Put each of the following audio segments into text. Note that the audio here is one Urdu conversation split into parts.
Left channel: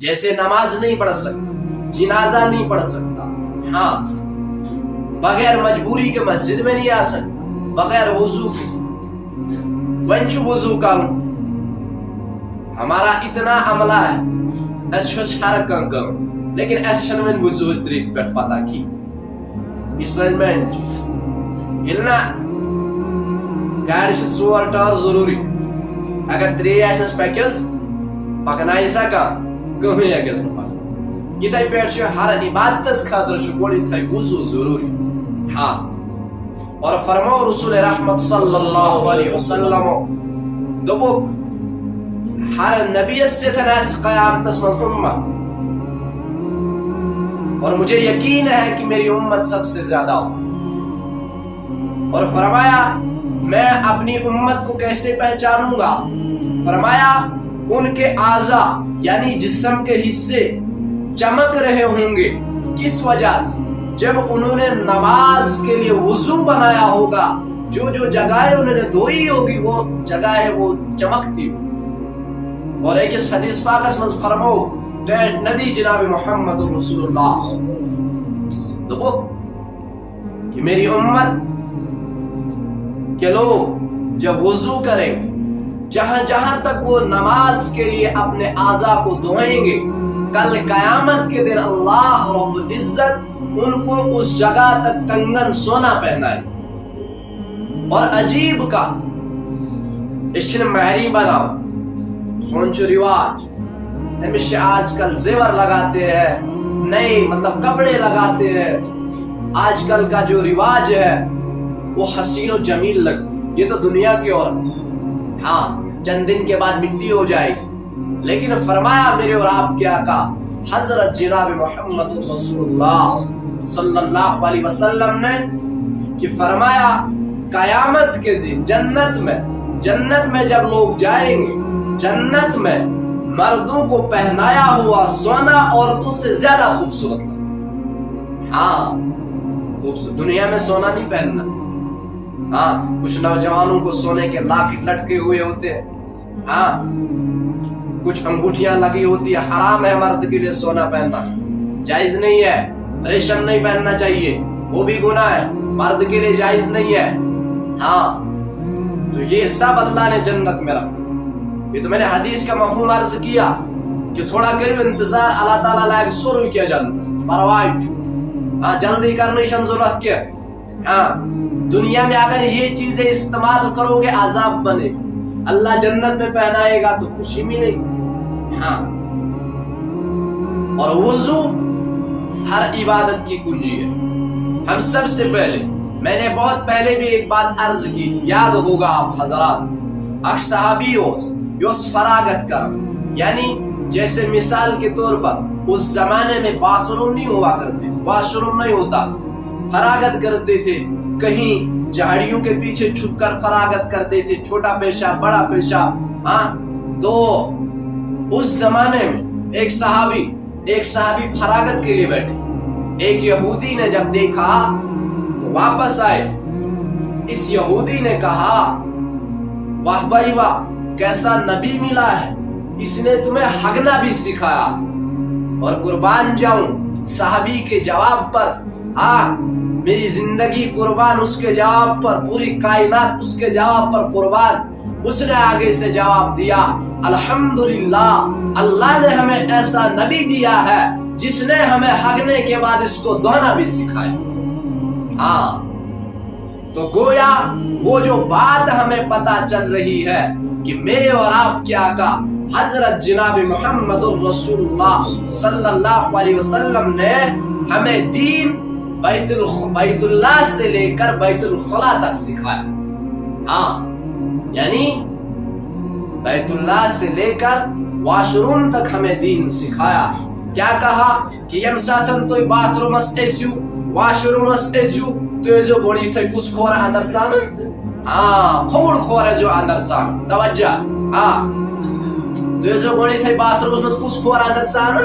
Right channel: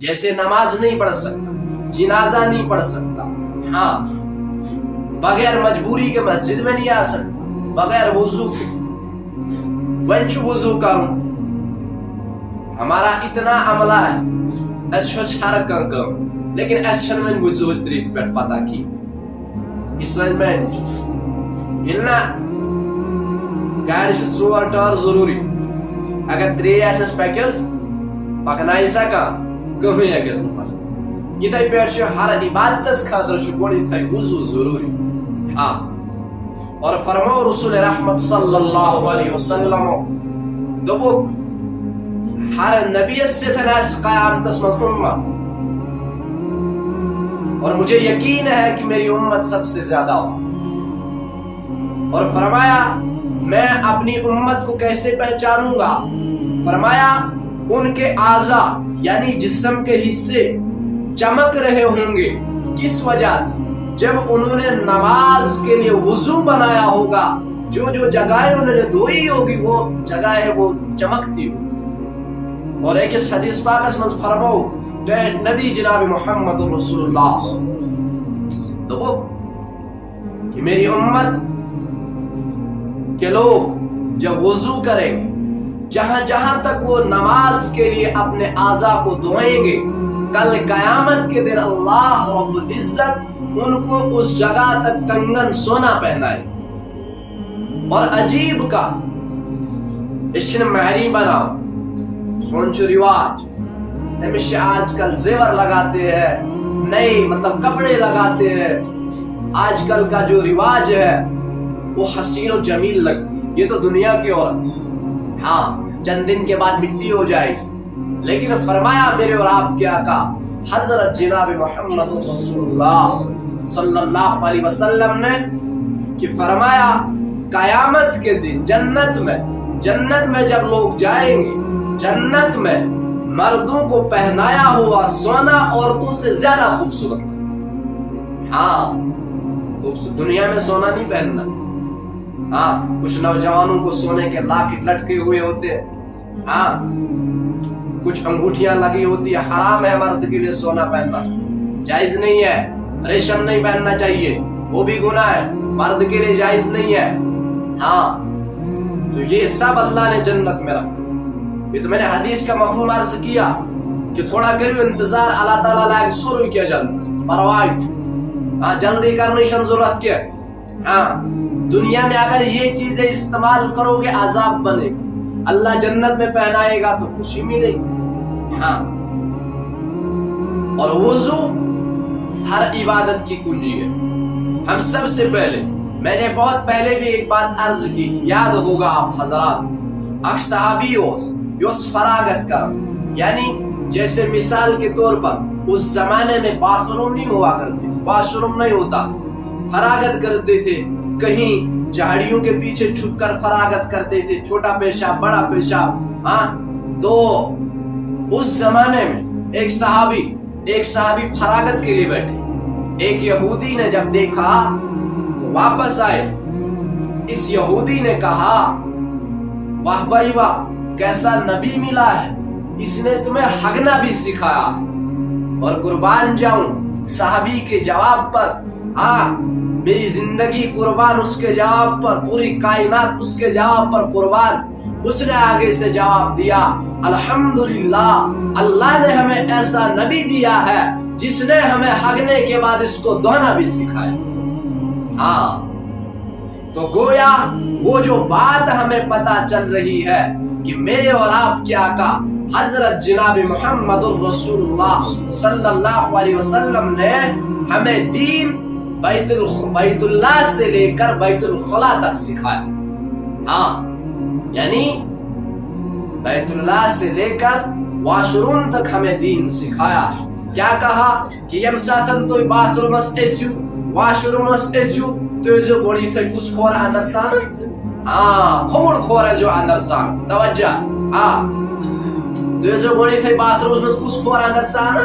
جیسے نماز نہیں پڑھ سکتا، جنازہ نہیں پڑھ سکتا، ہاں بغیر مجبوری کے مسجد میں نہیں آ سکتا، بغیر وضو کے ونچ وضو کروں ہمارا اتنا عملہ ہے اس ہر کم لیکن اس چھنن وضو طریق پر پتہ کی اسلامنٹ گلنا گاڑی سے 4 ٹار ضروری اگر 3 آسس پکس پکنائی سکا کمی اکس اتھے پہ ہر عبادت خاطر گوڑی وضو ضروری ہاں اور فرمو رسول رحمت صلی اللہ علیہ وسلم دوبک ہر نبی سے تناس قیامت اسمت امت اور مجھے یقین ہے کہ میری امت سب سے زیادہ ہو، اور فرمایا میں اپنی امت کو کیسے پہچانوں گا؟ فرمایا ان کے اعضاء یعنی جسم کے حصے چمک رہے ہوں گے، کس وجہ سے؟ جب انہوں نے نماز کے لیے وضو بنایا ہوگا، جو جگہیں انہوں نے دھوئی ہوگی وہ جگہیں وہ چمکتی ہوگی۔ اور ایک اس حدیث پاک میں فرمو نبی جناب محمد رسول اللہ تو وہ کہ میری امت کے لوگ جب وضو کریں گے، جہاں تک وہ نماز کے لیے اپنے اعضاء کو دھوئیں گے، کل قیامت کے دن اللہ رب العزت ان کو اس جگہ تک کنگن سونا پہنائے۔ اور عجیب کا اشن مہری بنا سونچ رواج ہمیشہ آج کل زیور لگاتے ہیں، نئے مطلب کپڑے لگاتے ہیں، آج کل کا جو رواج ہے وہ حسین و جمیل لگتی، یہ تو دنیا کی عورت ہاں چند دن کے بعد مٹی ہو جائے گی، لیکن فرمایا میرے اور آپ کے آقا حضرت جناب محمد رسول اللہ صلی اللہ علیہ وسلم نے کہ فرمایا قیامت کے دن جنت میں جب لوگ جائیں گے، جنت میں مردوں کو پہنایا ہوا سونا عورتوں سے زیادہ خوبصورت، ہاں دنیا میں سونا نہیں پہننا، ہاں کچھ نوجوانوں کو سونے کے لاکٹ لٹکے ہوئے ہوتے ہیں، ہاں کچھ انگوٹھیاں لگی ہوتی ہے، حرام ہے مرد کے لیے سونا پہننا، جائز نہیں ہے، ریشم نہیں پہننا چاہیے، وہ بھی گناہ ہے، مرد کے لیے جائز نہیں ہے، ہاں تو یہ سب اللہ نے جنت میں رکھا۔ یہ تو میں نے حدیث کا مفہوم عرض کیا کہ تھوڑا کرو انتظار، اللہ تعالیٰ لائق سورو کیا جنت پرواہ جلدی کرنے شن ضرورت کیا، ہاں دنیا میں اگر یہ چیزیں استعمال کرو گے عذاب بنے، اللہ جنت میں پہنائے گا تو خوشی ملے گی، ہاں اور وضو ہر عبادت کی کنجی ہے۔ ہم سب سے پہلے میں نے بہت پہلے بھی ایک بات عرض کی تھی، یاد ہوگا آپ حضرات، اک صحابی یوس فراغت کا یعنی جیسے مثال کے طور پر اس زمانے میں باتھ روم نہیں ہوا کرتے، واش روم نہیں ہوتا، فراغت کرتے تھے، کہیں جھاڑیوں کے پیچھے چھپ کر فراغت کرتے تھے، چھوٹا پیشاب بڑا پیشاب، ہاں تو اس زمانے میں ایک صحابی فراغت کے لیے بیٹھے، ایک یہودی نے جب دیکھا تو واپس آئے، اس یہودی نے کہا واہ بھائی واہ کیسا نبی ملا ہے، اس نے تمہیں ہگنا بھی سکھایا، اور قربان جاؤں صحابی کے جواب پر، میری زندگی قربان اس کے جواب پر، پوری کائنات اس کے جواب پر قربان۔ اس نے آگے سے جواب دیا الحمدللہ اللہ نے ہمیں ایسا نبی دیا ہے جس نے ہمیں ہگنے کے بعد اس کو دھونا بھی سکھایا۔ ہاں تو گویا وہ جو بات ہمیں پتا چل رہی ہے کہ میرے اور آپ کے آقا حضرت جناب محمد رسول اللہ صلی اللہ علیہ وسلم نے ہمیں دین بیت اللہ سے لے کر بیت الخلا تک سکھایا، ہاں یعنی بیت اللہ سے لے کر واش روم تک ہمیں دین سکھایا۔ کیا کہا کہ یم ساتن تو bath rooms echo wash rooms echo تو جو بولی تو کس کھورا اندر سان، ہاں کھوڑ کھورا جو اندر سان، توجہ، ہاں تو جو بولی تو باتھ رومس کس کھورا اندر سان،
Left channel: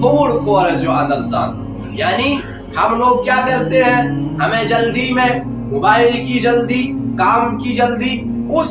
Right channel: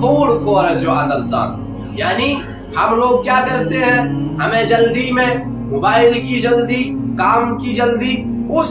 کھوڑ کھورا جو اندر سان، یعنی ہم لوگ کیا کرتے ہیں، ہمیں جلدی میں موبائل کی جلدی، کام کی جلدی، اس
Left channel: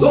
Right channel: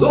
2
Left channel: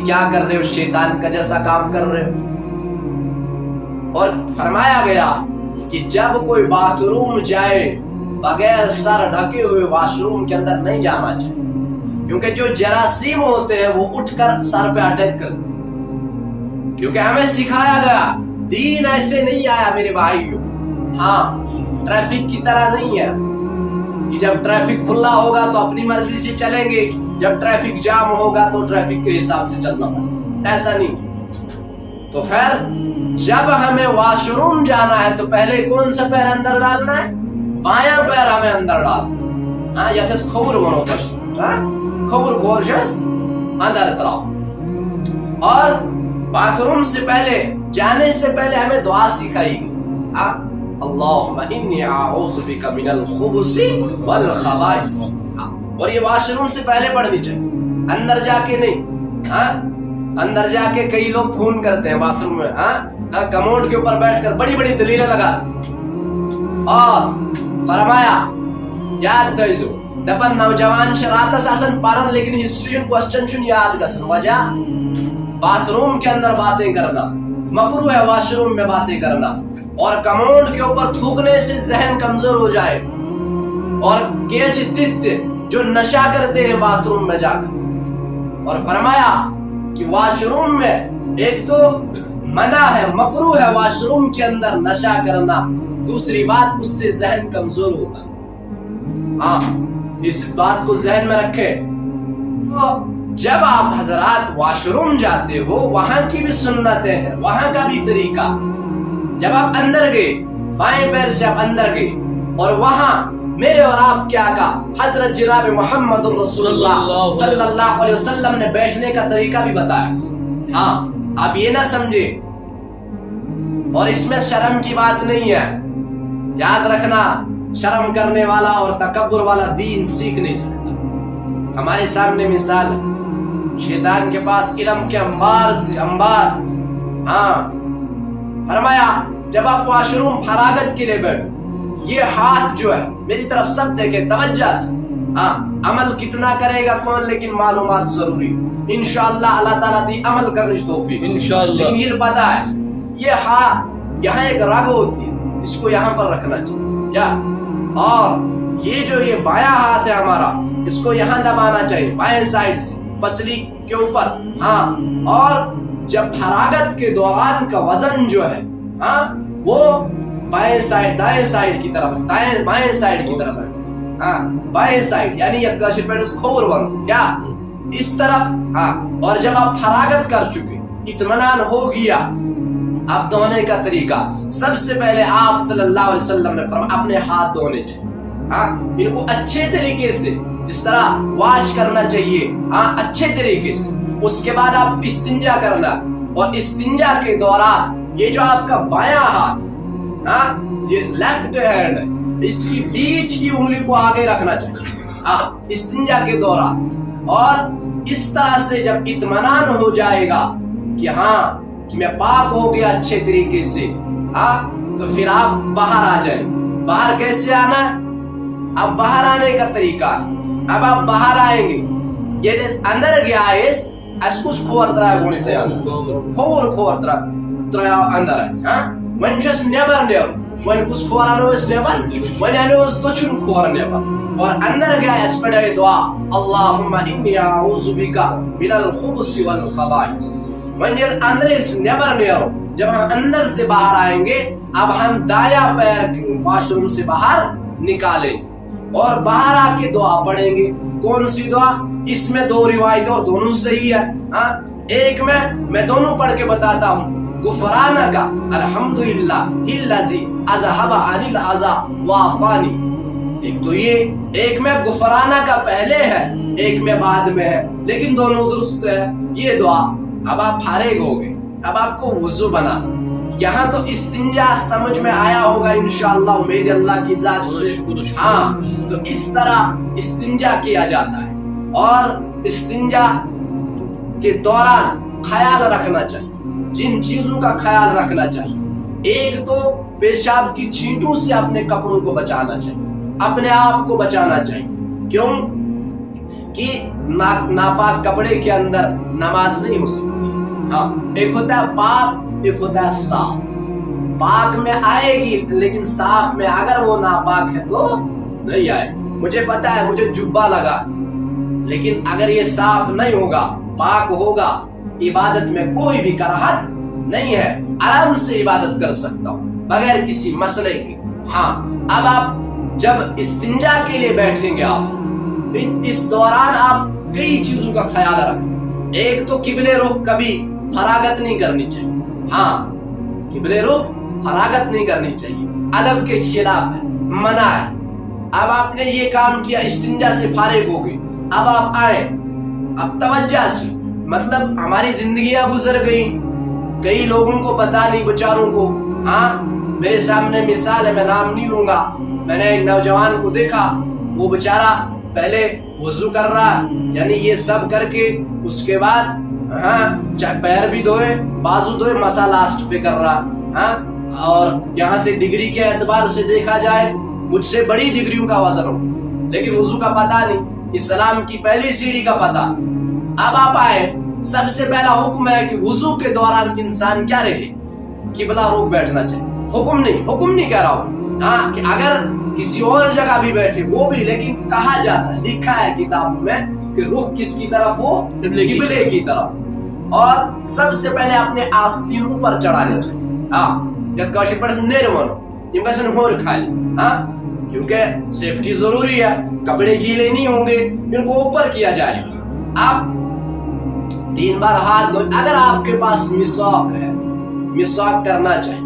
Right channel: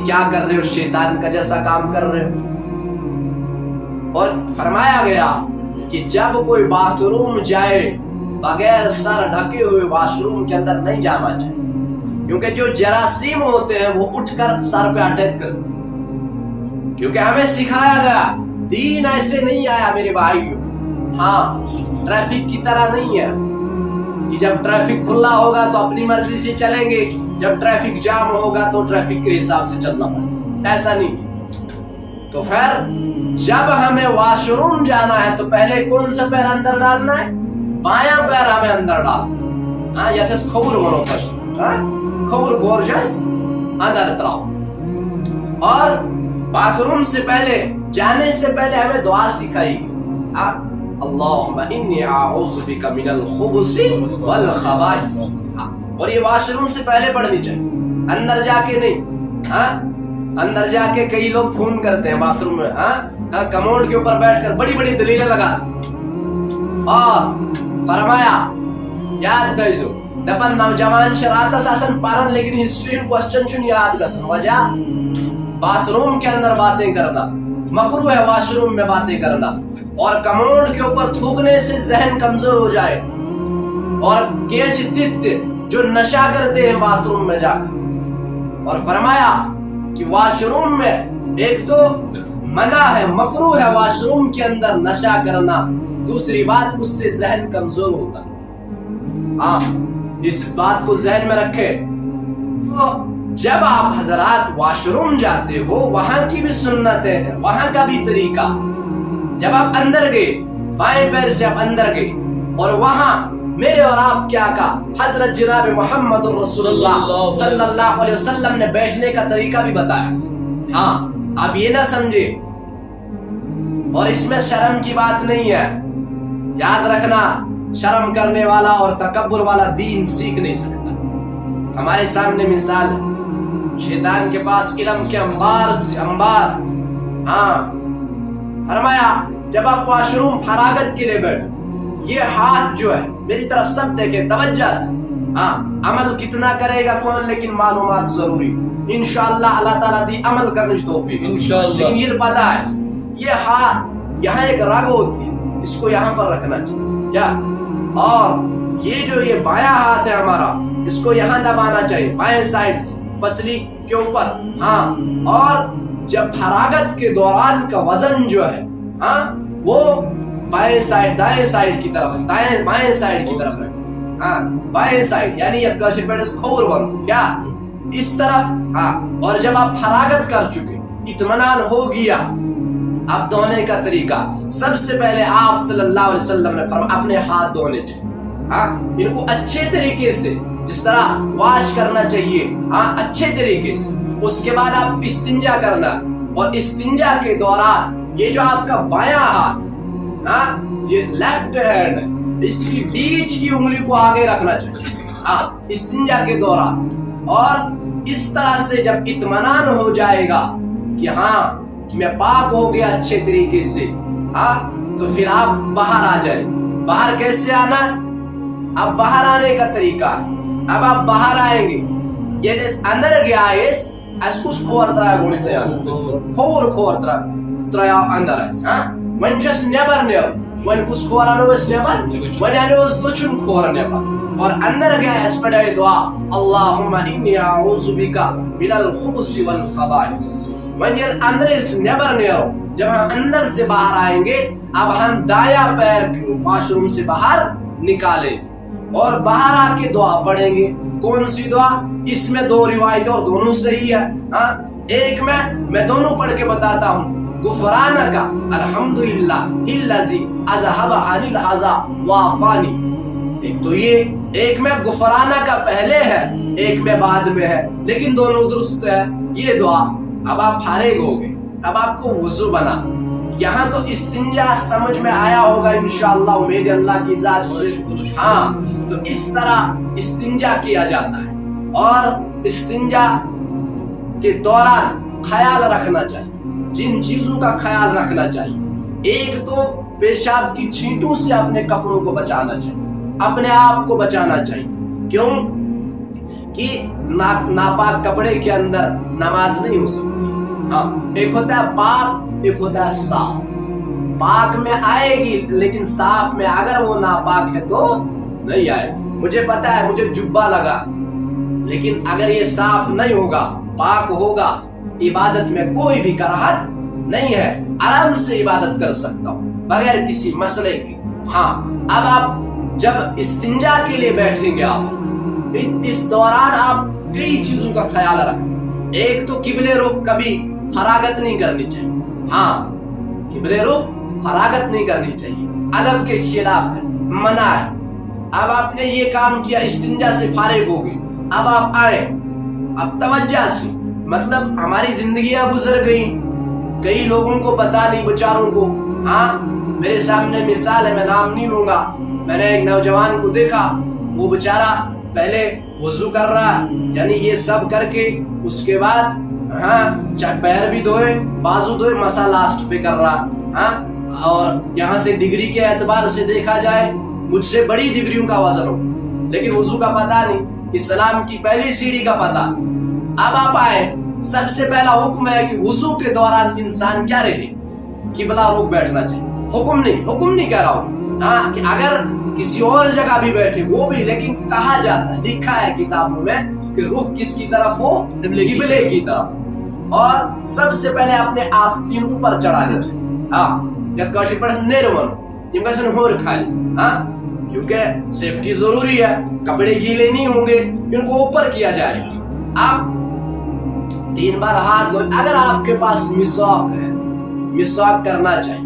یہ کیا کر رہے ہو؟ شیطان کا جیسا کام کر رہے ہو۔ اور فرمایا گیا کہ جب کوئی باتھ روم جائے بغیر سر ڈھکے ہوئے واش روم کے اندر نہیں جانا چاہیے، کیونکہ جو جراثیم ہوتے ہیں وہ اٹھ کر سر پہ اٹیک کرتے ہیں، کیونکہ ہمیں سکھایا گیا دین ایسے نہیں آیا میرے بھائیوں، ہاں ٹریفک کی طرح نہیں ہے کہ جب ٹریفک کھلا ہوگا تو اپنی مرضی سے چلیں گے، جب ٹریفک جام ہوگا تو ٹریفک کے حساب سے چلنا ہوگا، ایسا نہیں۔ تو پھر جب ہمیں واش روم جانا ہے تو پہلے کون سا پیر اندر ڈالنا ہے؟ بایاں پیر ہمیں اندر ڈالنا، ہاں یتس کھور ونو پشت، ہاں کھور کھورشس اندر تراؤ۔ اور باتھ روم سے پہلے جانے سے پہلے ہمیں دعا سکھائی گئی، اللہم انی اعوذ بک من الخبث والخبائث، اور یہ واش روم سے پہلے پڑھنی چاہیے، اندر جا کے نہیں۔ ہاں اندر جا کے کئی لوگ فون کرتے ہیں باتھ روم میں، ہاں کموڈ کے اوپر بیٹھ کر بڑی بڑی دلیلیں لگاتے ہیں۔ اور فرمایا یاد کئیزو دپن نوجوان شراتس آسن پارن لیکن ہسٹری کوسچن چن یاد گسن، وجہ باتھ روم کے اندر باتیں کرنا مکروہ ہے، واش روم میں باتیں کرنا، اور کموڈ کے اوپر تھوکنے سے ذہن کمزور ہو جائے، اور کیچ دت جو نشہ کرتے ہیں باتھ روم میں جا کر۔ اور فرمایا کہ واش روم میں ایک تو منع ہے، مکروہ ہے واش روم کے اندر نشہ کرنا، دوسری بات اس سے ذہن کمزور ہوتا ہے۔ ہاں اس بات کو ذہن میں رکھیں۔ تو جب آپ حضرات واش روم جاتے ہو وہاں کی بھی سنتیں ہیں، وہاں کا بھی طریقہ، جب آپ اندر گئے بائیں پیر سے آپ اندر گئے، اور وہاں میرے اور آپ کیا کہا؟ حضرت جناب محمد رسول اللہ صلی اللہ علیہ وسلم نے بیٹھنے کا طریقہ بھی بتایا۔ ہاں آپ یہ نہ سمجھے، اور اس میں شرم کی بات نہیں ہے، یاد رکھنا شرم کرنے والا اور تکبر والا دین سیکھ نہیں سکتا۔ ہمارے سامنے مثال ہے، شیطان کے پاس علم کے انبار۔ ہاں فرمایا جب آپ واش روم فراغت کے لیے بیٹھو، یہ ہاتھ جو ہے میری طرف سب دیکھیں توجہ سے، ہاں عمل کتنا کرے گا کون، لیکن معلومات ضروری، انشاءاللہ اللہ تعالیٰ دی عمل کرنے کی توفیق انشاءاللہ۔ لیکن یہ پتا ہے یہ ہاتھ یہاں ایک رگ ہوتی ہے، اس کو یہاں پر رکھنا چاہیے کیا، اور یہ جو یہ بایاں ہاتھ ہے ہمارا، اس کو یہاں دبانا چاہیے بائیں سائڈ سے پسلی کے اوپر۔ ہاں اور جب فراغت کے دوران کا وزن جو ہے ہاں وہ بائیں سائڈ دائیں سائڈ کی طرف ہے، بائیں سائڈ کی طرف ہے، ہاں بائیں سائڈ یعنی یتکاشر پیٹس کھور ونو کیا اس طرف۔ ہاں اور جب آپ فراغت کر چکے، اطمینان ہو گیا، اب دھونے کا طریقہ سب سے پہلے آپ صلی اللہ علیہ وسلم نے فرمایا اپنے ہاتھ دھونے چاہیے، ہاں ان کو اچھے طریقے سے جس طرح واش کرنا چاہیے، ہاں اچھے طریقے سے۔ اس کے بعد آپ استنجا کرنا، اور استنجا کے دوران یہ جو آپ کا بایاں ہاتھ ہاں یہ لیفٹ ہینڈ ہے، اس کی بیچ کی انگلی کو آگے رکھنا چاہیے ہاں استنجا کے دوران، اور اس طرح سے جب اطمینان ہو جائے گا کہ ہاں میں پاک ہو گیا اچھے طریقے سے، ہاں تو پھر آپ باہر آ جائیں۔ باہر کیسے آنا؟ اب باہر آنے کا طریقہ، اب آپ باہر آئیں گے، یہ دیس اندر گیا ایس اسکوس کھور ترائے گونی تیار کھور ترائے اندر ایس ہاں ونچس نیبر نیب ون کس کھورانو اس نیبر ون یعنی اس دچن کھور نیبر، اور اندر گیا اس پڑھائی دعا اللہم انی اعوذ بکا من الخبث والخبائث، ون یعنی اندر اس نیبر نیب، جب ہم اندر سے باہر آئیں گے اب ہم دایا پیر واش روم سے باہر نکالیں اور باہر آ کے دعا پڑھیں گے۔ کون سی دعا؟ اس میں دو روایت اور دونوں صحیح ہے، ہاں ایک میں دونوں پڑھ کے بتاتا ہوں، غفرانک الحمدللہ الذی اذھب عنی العذا وعافانی، ایک تو یہ، ایک میں غفرانک کا پہلے ہے ایک میں بعد میں ہے، لیکن دونوں درست ہے یہ دعا۔ اب آپ فارغ ہو گئے، اب آپ کو وضو بنا، یہاں تو استنجا سمجھ میں آیا ہوگا انشاءاللہ امید اللہ کی ذات سے، ہاں تو اس طرح استنجا کیا جاتا ہے، اور استنجا کے دوران خیال رکھنا چاہیے، جن چیزوں کا خیال رکھنا چاہیے، ایک تو پیشاب کی چھینٹوں سے اپنے کپڑوں کو بچانا چاہیے، اپنے آپ کو بچانا چاہیے، کیوں؟ کہ ناپاک کپڑے کے اندر نماز نہیں ہو سکتی. ہاں ایک ہوتا ہے پاک, ایک ہوتا ہے صاف. پاک میں آئے گی لیکن صاف میں اگر وہ ناپاک ہے تو نہیں آئے. مجھے پتا ہے مجھے جبہ لگا لیکن اگر یہ صاف نہیں ہوگا, پاک ہوگا, عبادت میں کوئی بھی کراہت نہیں ہے, آرام سے عبادت کر سکتا ہوں بغیر کسی مسئلے کے. ہاں اب آپ جب استنجا کے لیے بیٹھیں گے, آپ اس دوران آپ کئی چیزوں کا خیال رکھیں. ایک تو قبلے رخ کبھی فراغت نہیں کرنی چاہیے. ہاں قبلے رخ فراغت نہیں کرنی چاہیے, ادب کے خلاف ہے, منع ہے. اب آپ نے یہ کام کیا, استنجا سے فارغ ہو گئے, اب آپ آئے, اب توجہ سے, مطلب ہماری زندگیاں گزر گئی, کئی لوگوں کو پتا نہیں بیچاروں کو. ہاں میرے سامنے مثال ہے, میں نام نہیں لوں گا. میں نے ایک نوجوان کو دیکھا, وہ بیچارہ پہلے وضو کر رہا, یعنی یہ سب کر کے اس کے بعد ہاں پیر بھی دھوئے, بازو دھوئے, مسا لاسٹ پہ کر رہا. ہاں اور یہاں سے ڈگری کے اعتبار سے دیکھا جائے مجھ سے بڑی ڈگریوں کا وزن ہو, لیکن وضو کا پتہ نہیں, اسلام کی پہلی سیڑھی کا پتہ. اب آپ آئے, سب سے پہلا حکم ہے کہ وضو کے دوران انسان کیا رہے, قبلہ رخ بیٹھنا چاہیے. حکم نہیں کہہ رہا ہوں, ہاں کہ اگر کسی اور جگہ بھی بیٹھے وہ بھی, لیکن کہا جاتا ہے, لکھا ہے کتابوں میں کہ رخ کس کی طرف ہو, قبلے کی طرف. اور سب سے پہلے اپنے آستین اوپر چڑھانا چاہیے. ہاں اس کا شکر سے نہیں رہنا, ان کا سن ہو رکھا ہے. ہاں کیونکہ سیفٹی ضروری ہے, کپڑے گیلے نہیں ہوں گے, ان کو اوپر کیا جائے. آپ 3 بار ہاتھ دھوئے. اگر آپ کے پاس مسواک ہے, مسواک کرنا چاہیے.